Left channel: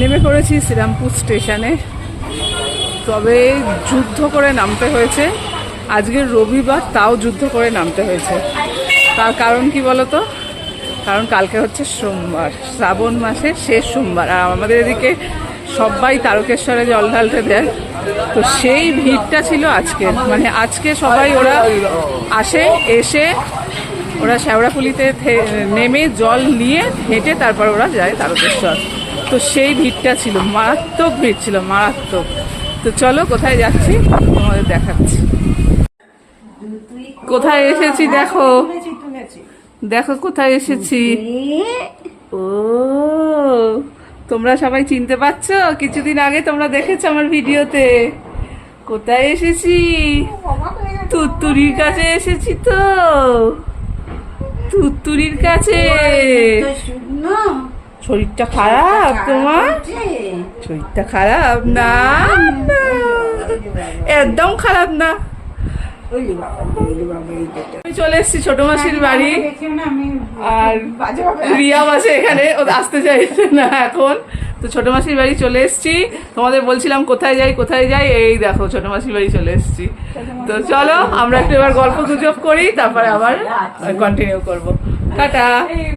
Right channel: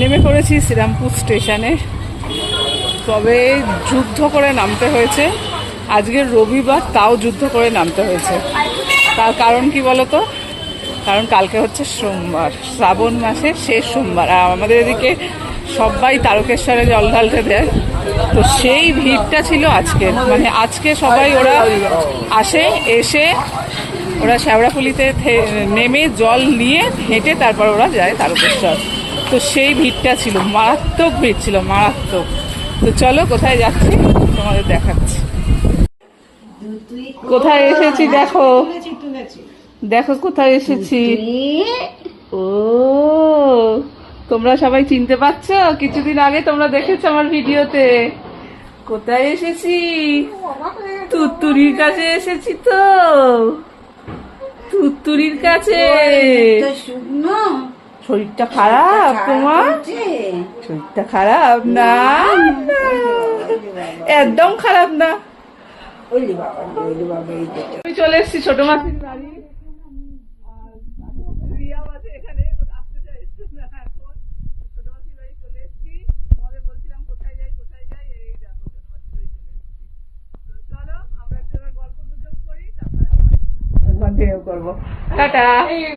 নেমে পড়েছি শ্রীরামপুর স্টেশনে। তবে যুদ্ধ করে নামতে হয়েছে, আজকের রবিবার তাও যুদ্ধ করে নামতে হয়েছে। তার কারণ কি বলতো? কারণ কালকে হচ্ছে সোমবার, শ্রাবণ মাসের শেষ সোমবার, আর আমাদের এদিকে সবাই তারকেশ্বরে জল ঢালতে দেয়। তো সেই ভিড়টা ছিল আজকে, মানে আজকে সবাই ওরা আসে, এসে ওরা শ্যাওড়াফুলিতে নেমে জল নিয়ে হেঁটে তারপর ওরা যায় তারকেশ্বর। তো সেই ভিড়টা ছিল, মারাত্মক ভিড় ছিল, মারাত্মক। তো চলো কোথায় যাচ্ছি তোমাদের দেখাচ্ছি। কোথায় এসেছি দেখো, দেখো কোথায় এসেছি। ও তোমরা সবাই চিনতে পারছো? কিছুদিন আগে তোমরা দেখেছো আমার ভিডিওতে। কোথায় এসেছি? তুত্তুরির কাছে এসেছি। তো তুত্তুরির কাছে। শরীরটা খারাপ তোমার? শরীরটা খারাপ না, একদম খারাপ না। আমি চলে এসেছি ছোট মাসির বাড়ি, আর রিয়া মাসে এখানে আসতে চাইছে না এখন। তো ছোট মাসির বাড়ি চলে এসেছি। তোমাদের বলছিলাম কোথায় যাই কোথায় যাই, এই দেখো ছোট মাসির বাড়ি চলে এসেছি। তো চলো আমরা একটু এবার গল্প গুজব করি, তারপরে আবার কন্টিনিউ করবো। টাটা।